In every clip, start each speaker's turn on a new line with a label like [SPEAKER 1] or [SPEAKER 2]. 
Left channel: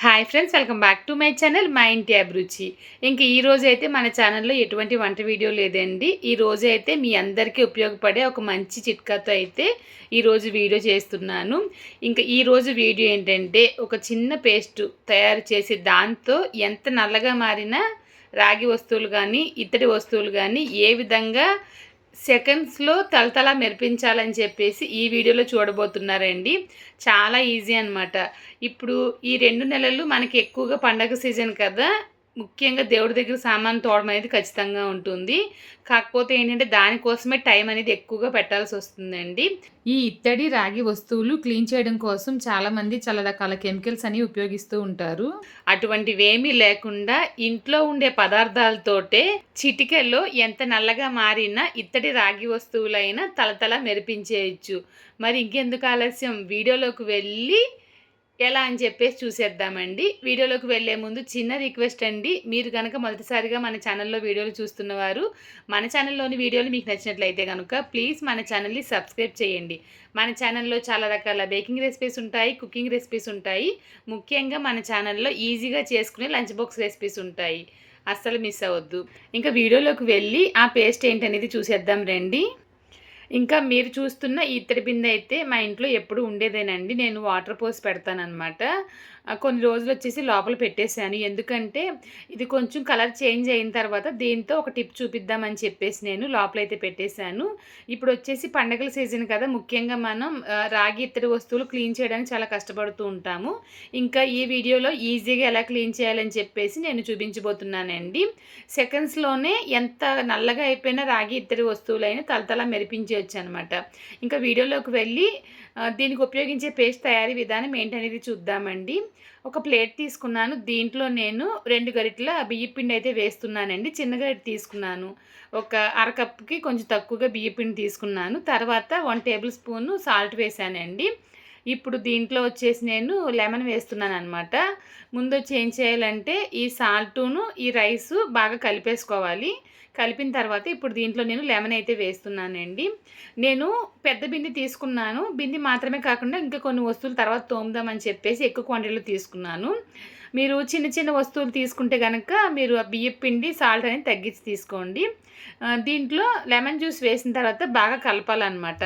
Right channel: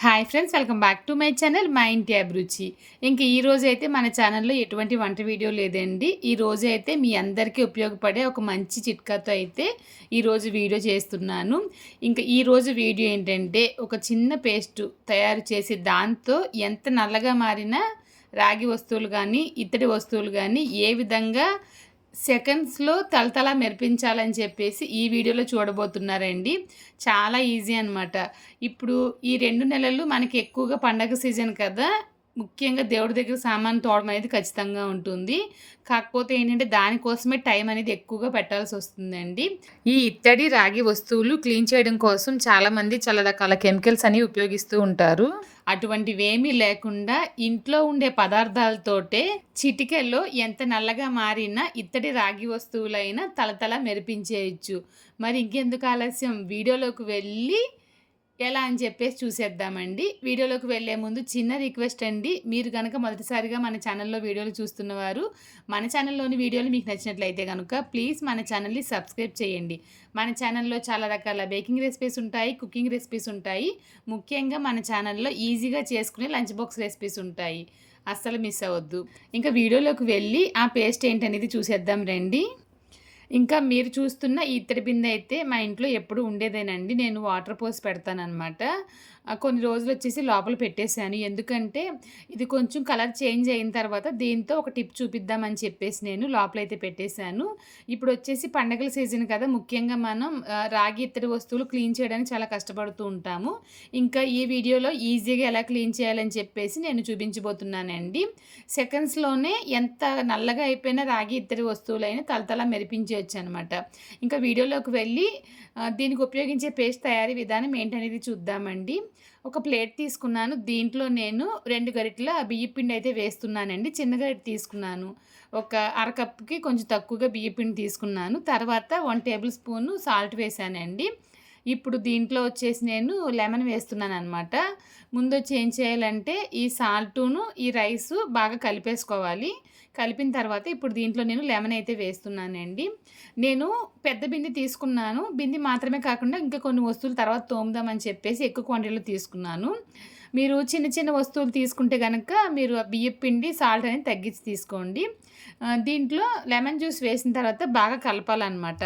[SPEAKER 1] Hi friends welcome back to my channel మా ఇంటి అభిరుచి ఇంక ఈ అయితే మన ఛానల్లో ఎటువంటి వంట వీడియో లేదండి. ఈ రోజైతే అయితే మీ అందరికీ ఉపయోగపడే ఒక మంచి చిట్కాతో అయితే ఈరోజు వీడియో చేస్తున్నాను. ఇంకా ఈరోజు వీడియో ఏంటంటే ఒక చిన్న పేస్ట్ తయారు చేసి దాంతో ఎంత నల్లగా మారినా రాగి వస్తువులు కానీ ఇత్తడి వస్తువులు కానీ ఏ విధంగా సెకండ్స్లో తలతల మెరిపించాలని చెప్పేసి ఈ వీడియోలో చూడబోతున్నారండి. చాలా ఈజీ అనమాట ఇప్పుడు ఈ రెండు నెలలు మనకి ఎక్కువగా పండగ సీజన్ కదా ముఖ్యంగా దేవుడి దగ్గర సామాన్ తోడడం అనేది ఖచ్చితంగా ఉంటుంది. కాకపోతే ఏంటంటే దానికోసమే టైం అనేది ఎక్కువగా పెట్టాల్సి వస్తుందండి. ఈ ఇత్తడి రాగి వస్తువులు క్లీన్ చేయడం కోసం చాలామంది చాలా రకాల కెమికల్స్ అని ఉపయోగిస్తూ ఉంటారు. అటువంటివేమీ లేకుండా ఇంట్లో ఉండే పదార్థాలతోటే చిటికెల్లో ఎంత నల్లగా మారినా ఇత్తడి రాగి వస్తువులైనా తలతల మెరిపించేయచ్చు. మరి ఇంకెందుకు ఆలస్యం? వీడియోలోకి వెళ్ళి ఎలా అని చెప్పేసి చూసేద్దామండి. వీడియోలోకి వెళ్ళే ముందు చిన్న రిక్వెస్ట్ అండి. మీరు కనుక మొదటిసారిగా మన ఛానల్లో వీడియోలు చూస్తున్నవారు మన ఛానల్లోని వీడియోలు మీకు నచ్చినట్లయితే కనుక ప్లీజ్ మన ఛానల్ని సబ్స్క్రైబ్ చేయండి. మన ఛానల్లో చాలా రకాల బేకింగ్ రెసిపీస్ ఉంటాయి కుకింగ్ రెసిపీస్ ఉంటాయి. ముఖ్యంగా మన ఛానల్లో ఈజీగా చేసుకునే లంచ్ బాక్స్ రెసిపీస్ ఉంటాయి. అస్సలు మిస్ అవ్వద్దు. ఇంకా వీడియోలోకి వెళ్ళి ఆ పేస్ట్ ఏంటనేది చూసేద్దాం రండి. ఇంకా మీరు చూస్తున్న ఇత్తడి బిందె అయితే మా ఇంట్లో ఎప్పుడు ఉండేదేనండి. నేను వాటర్ పోసి పెడతానమాట కొన్ని రోజులు వచ్చేసి లోపల పెట్టేశాను. ఎందుకంటే ఇది కొంచెం కలర్ చేంజ్ అయిన తర్వాత దీంతో ఒక టిప్ చూపిద్దామని చెప్పేసి నేను లోపలైతే పెట్టేశాను. ఇప్పుడు వచ్చేసి పండగల సీజన్ కదా ముఖ్యంగా మనం రాగి ఇత్తడి వస్తువులు క్లీన్ చేయడానికి చాలా కష్టపడుతూ ఉంటాము. ఇంకా ఈ వీడియోలో ఈజీగా ఎలా క్లీన్ చేయాలని చెప్పేసి నేను చూపించబోతున్నానండి. సెకండ్స్లోనే ఎంత నల్లగా అయిపోయిన రాగి ఇత్తడి వస్తువులైనా తలతల మెరిపించే చేయొచ్చు అనమాట ఇంకా వీడియోలోకి వెళ్ళి దీనికి ఉపయోగించే పేస్ట్ తయారీ విధానం ఏంటనేది చూద్దామండి. ఒక ప్లేట్ తీసుకున్నాను. దీంట్లో నేను రెండు గరిటల బియ్యపిండి అయితే వేస్తున్నానండి. చిన్న గరిట తీసుకున్నాను. ఒక అరకప్కి కొంచెం తక్కువగా బియ్యపిండి తీసుకున్నాను. తర్వాత వన్ టేబుల్ స్పూన్ సాల్ట్ వేసానండి ఇప్పుడు దీంట్లో వచ్చేసి నేను లెమన్ వేస్తున్నాను అనమాట ముందు వచ్చి ఏం చేయాలంటే ఈ సాల్టును ఈ రైసు బాగా కలిపేసుకోవాలి. కలిపిన తర్వాత ఇప్పుడు దీంట్లో నేను లెమన్ అయితే వేస్తున్నానండి. నేను పెద్ద బింది తీసుకున్నాను. బింది మాత్రమే కాకుండా ఇంకా కొన్ని వస్తువులు తర్వాత తోముదామని చెప్పేసి ఎక్కువ క్వాంటిటీలో తీసుకున్నాను. మీరు చిన్న చిన్న వస్తువులు తీసుకుంటే కనుక మీరు బియ్యం పిండి సాల్ట్ అనేది తగ్గించి తీసుకోండి. దీంట్లో లెమన్ జ్యూస్ వేసిన తర్వాత బాగా కలపాలన్నమాట.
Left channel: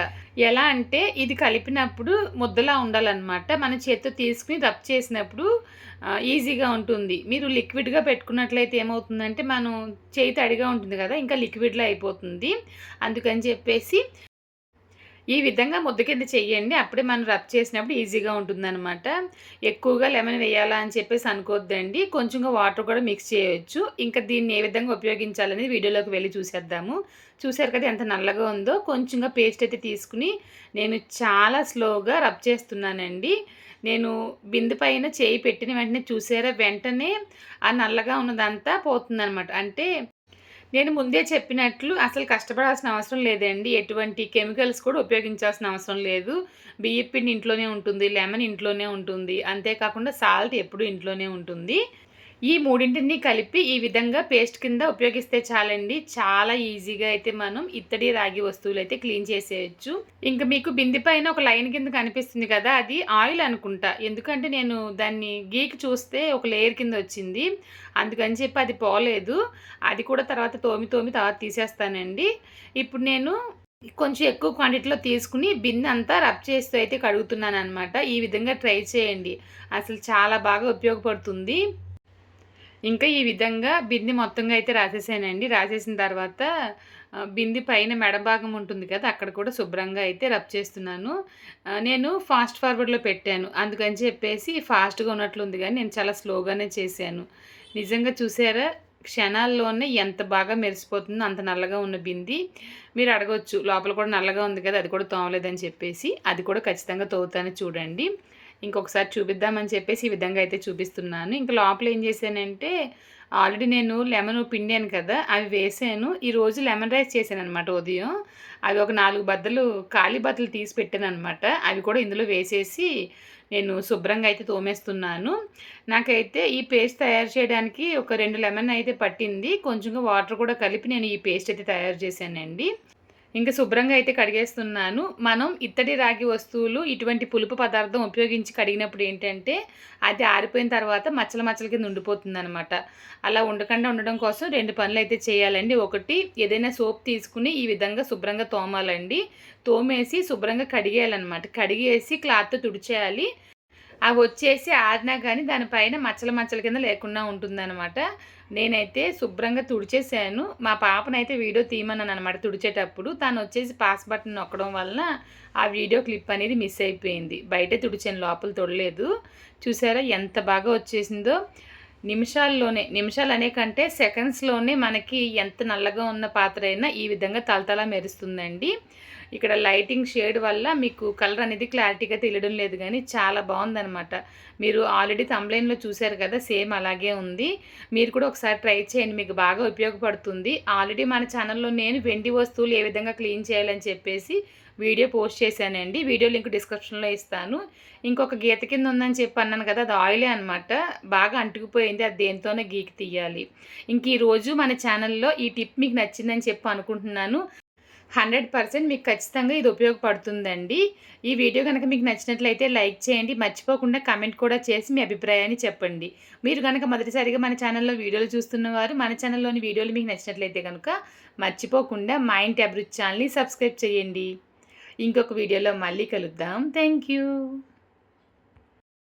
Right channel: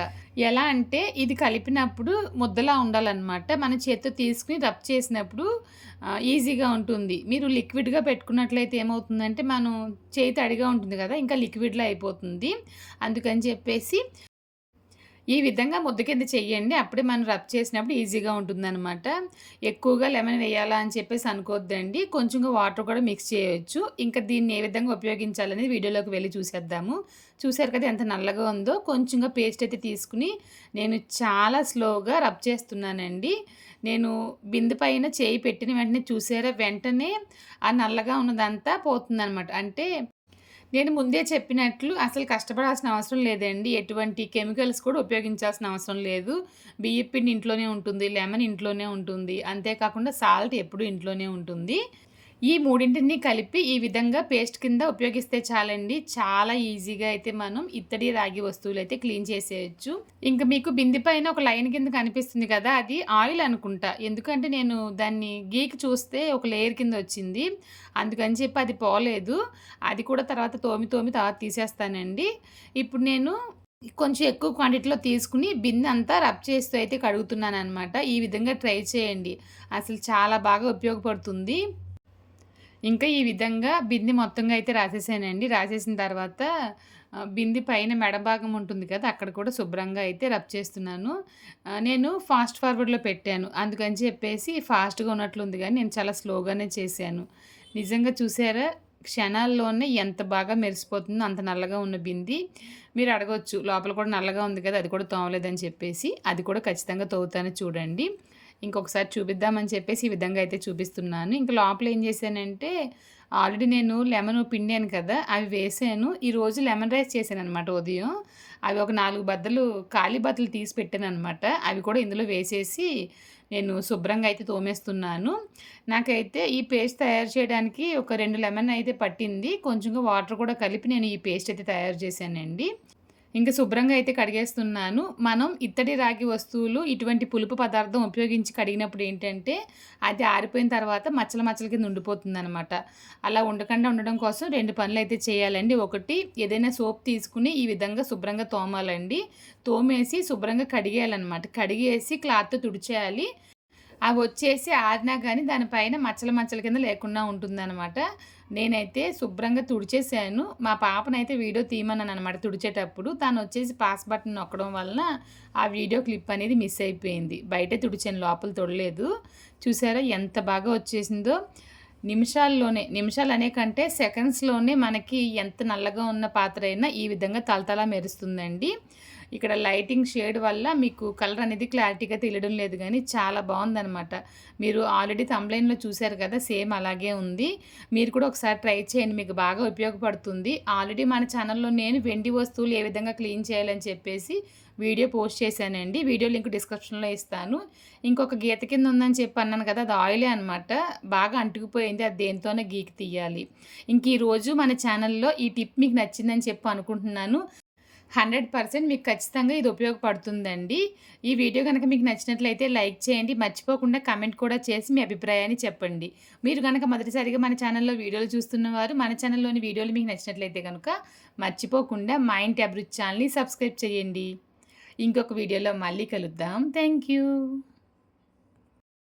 [SPEAKER 1] ఎలా అంటే ఇది కలిపినప్పుడు ముద్దలా ఉండాలన్నమాట. మన చేత్తో తీసుకుని రబ్ చేసినప్పుడు ఈజీగా ఉంటుంది. మీరు లిక్విడ్గా పెట్టుకున్నట్లయితే ఏమవుతుందంటే మనం చేయి తడిగా ఉంటుంది కదా ఇంకా లిక్విడ్లో అయిపోతుంది. అందుకని చెప్పేసి ఈ విధంగా ముద్ద కింద చెయ్యండి. అప్పుడే మనం రబ్ చేసినప్పుడు ఈజీగా ఉంటుందన్నమాట. ఎక్కువగా లెమన్ వేయాలా అని చెప్పేసి అనుకోవద్దండి కొంచెంగా వాటర్ కూడా మిక్స్ చేయొచ్చు. ఇంకా దీన్ని ఏ విధంగా ఉపయోగించాలనేది వీడియోలోకి వెళ్ళి చూసేద్దాము. చూసారు కదా ఎంత నల్లగా ఉందో. కొంచెంగా పేస్ట్ అయితే తీసుకుని నేను చాలా స్లోగా రబ్ చేస్తున్నానండి. నేను బిందు పైన చేయి పెట్టిన వెంటనే చూసారా? వెంటనే ఆ నల్లగా ఉన్నదంతా పోతుందనమాట అంటే నేను ముందే చెప్పినట్లు అసలు కష్టపడాల్సిన అవసరం లేదండి. ఎటువంటి కెమికల్స్ కూడా ఉపయోగించాల్సిన అవసరం లేదు. బియ్యపిండి ఇంట్లోనే ఉంటుంది లెమన్ ఇంట్లోనే ఉంటుంది. అంతేకాకుండా సాల్ట్ ఎప్పుడు ఇంట్లోనే ఉంటుంది. ఈ మూడింటిని కలిపి ఈ విధంగా పేస్ట్ కింద ఉపయోగిస్తే చాలండి. చాలా ఈజీగా అయితే మనం ఇత్తడి రాగి వస్తువులు అయితే క్లీన్ చేసేయచ్చు. ఇంకా మీకు బింది పైన ఒక లైన్ కింద కనిపిస్తుంది కదా అది ఆయిల్ అనుకుంటా. ఎందుకంటే నేను దాన్ని గీకి చూస్తే ఒక లేయర్ కింద వచ్చింది. అందుకని చెప్పి అది పోలేదు. అది కూడా తర్వాత తోమి తోమి తర్వాత తీసేస్తానండి. ఇప్పుడు నేను కొంచెం ఎక్కువ క్వాంటిటీలో తీసుకుని బిన్ అంతా రబ్ చేస్తూ అయితే కడుగుతున్నాను అనమాట ఈ విధంగా ట్రై చేయండి. అసలు చాలా బాగా ఉపయోగపడుతుంది. ఇంకా ఈ విధంగా బింది మొత్తంగా అయితే రాసేసానండి. రాసేసిన తర్వాత బింది పైన మెడభాగం ఉంటుంది కదా అక్కడ కూడా శుభ్రంగా అయితే రబ్ చేస్తున్నాను. నేను ఫాస్ట్ ఫార్వర్డ్లో పెట్టాను. అందుకని చెప్పేసి ఫాస్ట్గా ఉన్నట్లుంది కానీ నేను చాలా స్లోగానే చేశాను. నిజంగా చూసారా? క్షణాల్లోనే ఎంత బాగా మెరిసిపోతుందో అంత నల్లగా ఉన్న బింది. మీరు అడగవచ్చు లోపల కూడా నల్లగా ఉంది కదా అది కూడా తోమలేదని చెప్పేసి. అది కూడా ఖచ్చితంగా తోగుతానే చూడండి. ఇంకొకసారి చూపిద్దామని చెప్పేసి ఈ విధంగా అయితే చూపిస్తున్నాను. ఇంకా లోపల ఏం చేశానంటే ఆల్రెడీ నేను లెమన్ పిండాను కదా అవి వేసాను. ఈరోజు లెమన్ రైస్ చేశాను అనమాట ఉదయం. అవి ఒక నాలుగు బద్దలు ఖాళీ బద్దలు తీసి పెట్టాను అనమాట అవి కూడా ఇందులో వేసేసి నేను శుభ్రంగా అయితే తోమేస్తున్నాను. నాకైతే ఈ పేస్ట్ తయారు చేయడానికి ఒక రెండు లెమన్ అయితే పట్టింది. కొంచెంగా వాటర్ కూడా కలిపి నేను ఈ పేస్ట్ అయితే తయారు చేశానండి. ఇంకా శుభ్రంగా అయితే కడిగేస్తున్నాను. మనం ఇత్తడి రాగి వస్తువులు ఇటువంటి పులుపు పదార్థం ఉపయోగించి కడిగినప్పుడు ఏంటంటే అది ఆరిపోయిన తర్వాత మచ్చల మచ్చల కింద ఉండిపోతుంది అనమాట అలా ఉండకుండా ఉండడం కోసం రెండు పనులు అయితే చేయాలండి. ఒకటి ఏదైనా సోప్ తీసుకుని ఈ విధంగా శుభ్రంగా తోమాలండి. తోమేసి శుభ్రంగా కడిగేయాలన్నమాట. కడిగేసి క్లాత్తో తుడిచేయాలి. అవి వచ్చేసి ఆరినా కానీ దానిపైన మచ్చల మచ్చల కింద లేకుండా ఉంటుందన్నమాట. నేనైతే శుభ్రంగా తుడిచేసాను. మా పాపనైతే వీడియో తీయమన్నాను అనమాట తుడిచేటప్పుడు. తను వచ్చేసి పాస్ బటన్ నొక్కడం వలన ఆ వీడియో క్లిప్ అనేది మిస్ అయిపోయింది. బయటే తుడిచాను లోపల తొడలేదు. చూసారా ఎంత బాగా వచ్చేసిందో. నిమిషాల్లోనే నిమిషాలు అనే కంటే సెకండ్స్లోనే మనకి ఎంత నల్లగా ఉన్న పాత్ర అయినా ఈ విధంగా తలతలా మెరుస్తుందండి. ఇక్కడ లైటింగ్ షేడ్ వల్ల మీకు కలర్ అనేది క్లారిటీగా తెలియడం లేదు కానీ చాలా బాగుందనమాట మీరు ఆల్రెడీ తమ్లైన్లో చూశారు కదా సేమ్ అలాగే ఉంది. మీరు కూడా ఒకసారి ట్రై చేయండి మీకు బాగా ఉపయోగపడుతుంది. ఆల్రెడీ మన ఛానల్లో నేను వెండి వస్తువులు ఏ విధంగా క్లీన్ చేయాలని చెప్పేసి వీడియో పోస్ట్ చేశానండి. వీడియో లింక్ డిస్క్రిప్షన్లో ఇస్తాను. ఇంకొక గీత కింద ఉందని చెప్పి అన్నాను కదా అది ఆయిలే అనమాట బాగా అంటుకుపోయింది అది దేనితోనే గీకి తీయాలి. ఇంక ఈరోజు మన ఛానల్లో ఈ టిప్ మీకు నచ్చిందని చెప్పి అనుకుంటున్నాను. హండ్రెడ్ పర్సెంట్ మీకు ఖచ్చితంగా ఇది ఉపయోగపడుతుందండి. ఈ వీడియో కనుక మీకు నచ్చినట్లయితే లైక్ చేయండి. మర్చిపోకుండా కమెంట్ కూడా చేసి మీ అభిప్రాయాన్ని చెప్పండి. మీరు కనుక మొదటిసారిగా మన ఛానల్లో వీడియోలు చూస్తున్నవారు మన ఛానల్లోని వీడియోలు మీకు నచ్చినట్లయితే కనుక మర్చిపోకుండా మైండ్ ట్యాబ్రిచ్ ఛానల్ని సబ్స్క్రైబ్ చేయండి. ఇంకొక వీడియోలో మళ్ళీ కలుద్దాం. Thank you